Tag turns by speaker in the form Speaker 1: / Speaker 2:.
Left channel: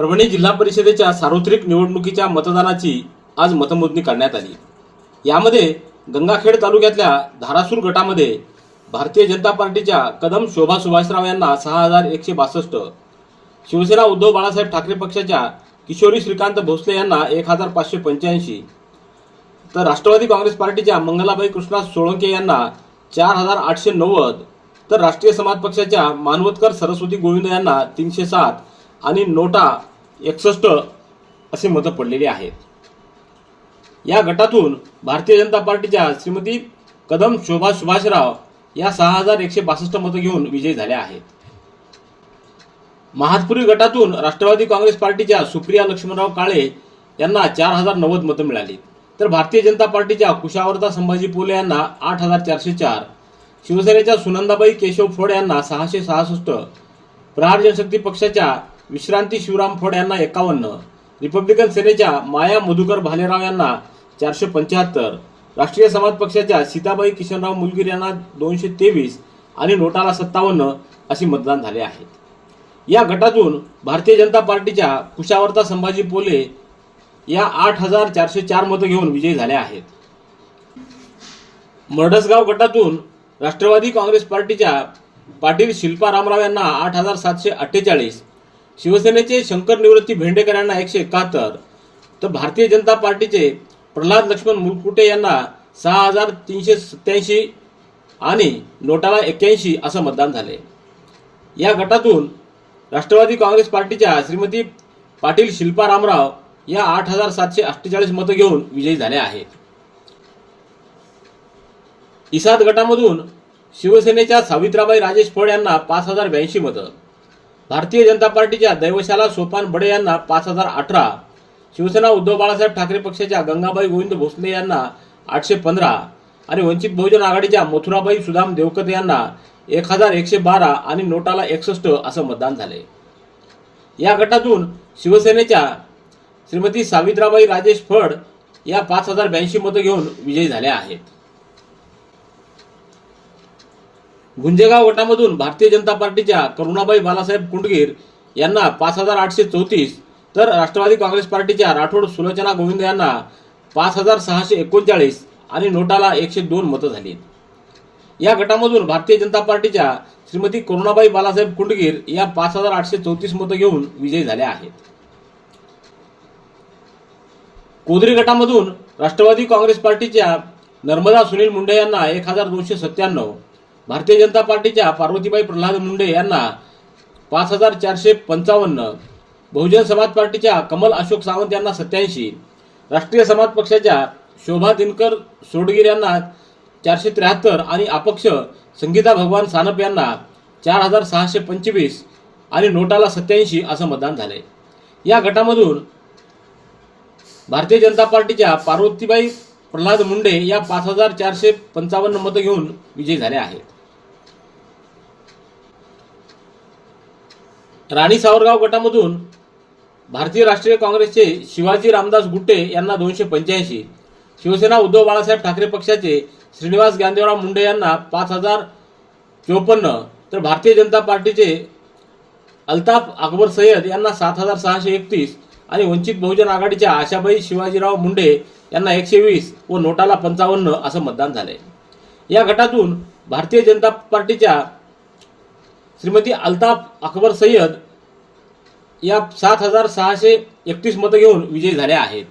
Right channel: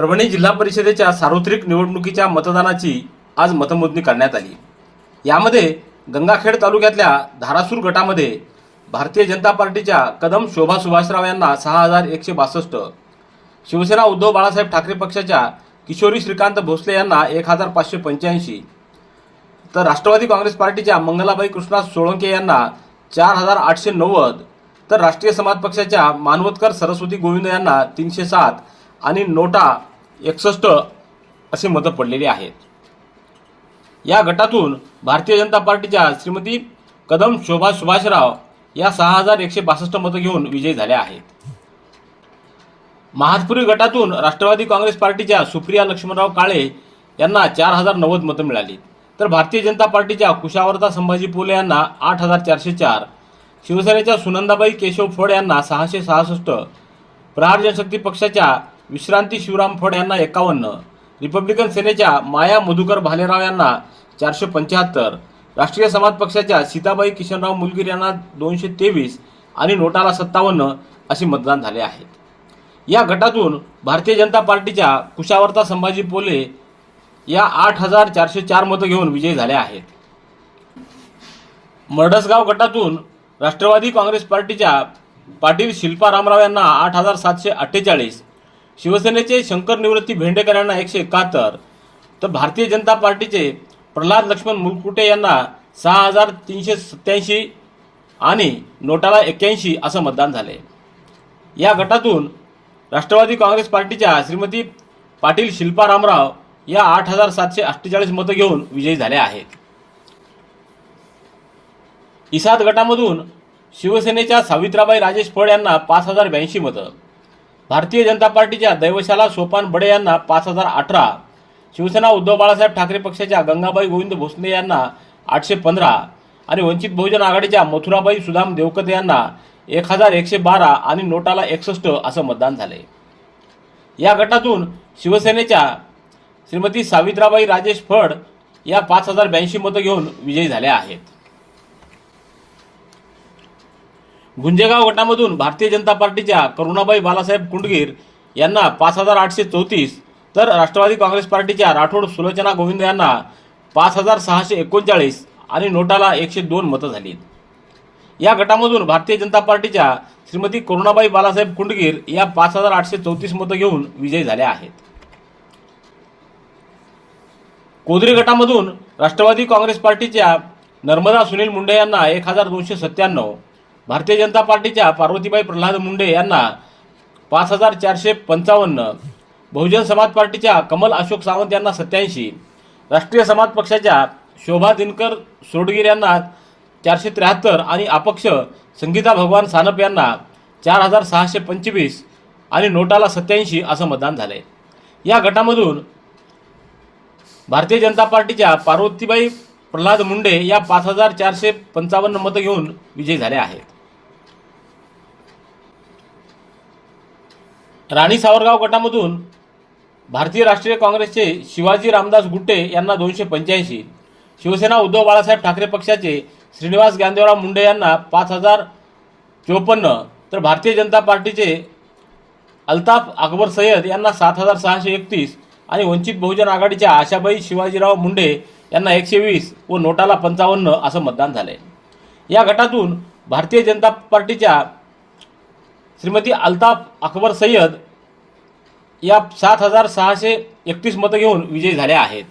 Speaker 1: परभणी जिल्हा परिषदेच्या सार्वत्रिक निवडणुकीच्या मतदानाची आज मतमोजणी करण्यात आली. यामध्ये गंगाखेड तालुक्यातल्या धारासूर गटामध्ये भारतीय जनता पार्टीच्या कदम शोभा सुभाषराव यांना सहा हजार एकशे बासष्ट शिवसेना उद्धव बाळासाहेब ठाकरे पक्षाच्या किशोरी श्रीकांत भोसले यांना एक हजार पाचशे पंच्याऐंशी तर राष्ट्रवादी काँग्रेस पार्टीच्या मंगलाबाई कृष्णा सोळंके यांना चार हजार आठशे नव्वद तर राष्ट्रीय समाज पक्षाच्या मानवतकर सरस्वती गोविंद यांना तीनशे सात आणि नोटा एकसष्ट असे मतं पडलेली आहेत. या गटातून भारतीय जनता पार्टीच्या श्रीमती कदम शोभा सुभाषराव या सहा हजार एकशे बासष्ट मतं घेऊन विजयी झाल्या आहेत. महातपुरी गटातून राष्ट्रवादी काँग्रेस पार्टीच्या सुप्रिया लक्ष्मणराव काळे यांना चार हजार नव्वद मतं मिळाली. तर भारतीय जनता पार्टीच्या कुशावर्ता संभाजी पोले यांना आठ हजार चारशे चार. शिवसेनेच्या सुनंदाबाई केशव फड यांना सहाशे सहासष्ट. प्रहार जनशक्ती पक्षाच्या विश्रांती शिवराम फड यांना एकावन्न. रिपब्लिकन सेनेच्या माया मधुकर भालेराव यांना चारशे पंच्याहत्तर. राष्ट्रीय समाज पक्षाच्या सीताबाई किशनराव मुलगीर यांना दोनशे तेवीस आणि नोटाला सत्तावन्न असे मतदान झाले आहेत या गटातून भारतीय जनता पार्टीच्या कुशावर्ता संभाजी पोले या आठ हजार चारशे चार मतं घेऊन विजयी झाल्या आहेत. मरडसगाव गटातून राष्ट्रवादी काँग्रेस पार्टीच्या पाटील शिल्पा रामराव यांना आठ हजार सातशे अठ्ठेचाळीस शिवसेनेचे शंकर निवृत्ती भेंडेकर यांना एकशे एकाहत्तर तर भारतीय जनता पार्टीचे प्रल्हाद लक्ष्मण मुलकुटे यांना सहा हजार तीनशे सत्याऐंशी आणि नोटाला एक्क्याऐंशी असं मतदान झाले. या गटातून राष्ट्रवादी काँग्रेस पार्टीच्या श्रीमती पाटील शिल्पा रामराव या आठ हजार सातशे अठ्ठेचाळीस मतं घेऊन विजयी झाल्या आहेत. इसाद गटामधून शिवसेनेच्या सावित्राबाई राजेश फड यांना पाच हजार ब्याऐंशी मतं भारतीय जनता पार्टीच्या दैवशाला सोपान बडे यांना पाच हजार अठरा. शिवसेना उद्धव बाळासाहेब ठाकरे पक्षाच्या गंगाबाई गोविंद भोसले यांना आठशे पंधरा. आणि वंचित बहुजन आघाडीच्या मथुराबाई सुदाम देवकते यांना एक हजार एकशे बारा आणि नोटाला एकसष्ट असं मतदान झाले. या गटातून शिवसेनेच्या श्रीमती सावित्राबाई राजेश फड या पाच हजार ब्याऐंशी मतं घेऊन विजयी झाल्या आहेत. गुंजेगाव गटामधून भारतीय जनता पार्टीच्या करुणाबाई बालासाहेब कुंडगीर यांना पाच हजार आठशे चौतीस तर राष्ट्रवादी काँग्रेस पार्टीच्या राठोड सुलोचना गोविंद यांना पाच हजार सहाशे एकोणचाळीस आणि नोटाला एकशे दोन मतं झाली या गटामधून भारतीय जनता पार्टीच्या श्रीमती करुणाबाई बालासाहेब कुंडगीर या पाच हजार आठशे चौतीस मतं घेऊन विजयी झाल्या आहेत. कोदरी गटामधून राष्ट्रवादी काँग्रेस पार्टीच्या नर्मदा सुनील मुंडे यांना एक हजार दोनशे सत्त्याण्णव भारतीय जनता पार्टीच्या पार्वतीबाई प्रल्हाद मुंडे यांना पाच हजार चारशे पंचावन्न बहुजन समाज पार्टीच्या कमल अशोक सावंत यांना सत्याऐंशी राष्ट्रीय समाज पक्षाच्या शोभा दिनकर सोडगीर यांना चारशे त्र्याहत्तर आणि अपक्ष संगीता भगवान सानप यांना चार हजार सहाशे पंचवीस आणि नोटाला सत्याऐंशी असं मतदान झालंय. या गटामधून भारतीय जनता पार्टीच्या पार्वतीबाई प्रल्हाद मुंडे या पाच हजार चारशे पंचावन्न मतं घेऊन विजयी झाल्या आहेत. राणी सावरगाव गटामधून भारतीय राष्ट्रीय काँग्रेसचे शिवाजी रामदास गुट्टे यांना दोनशे पंच्याऐंशी शिवसेना उद्धव बाळासाहेब ठाकरे पक्षाचे श्रीनिवास गांधीराव मुंडे यांना पाच हजार चोपन्न तर भारतीय जनता पार्टीचे अल्ताफ अकबर सय्यद यांना सात हजार सहाशे एकतीस आणि वंचित बहुजन आघाडीच्या आशाबाई शिवाजीराव मुंडे यांना एकशे वीस व नोटाला पंचावन्न असं मतदान झालंय. या गटातून भारतीय जनता पार्टीच्या श्रीमती अल्ताफ अकबर सय्यद या सात हजार सहाशे एकतीस मतं घेऊन विजयी झाल्या आहेत.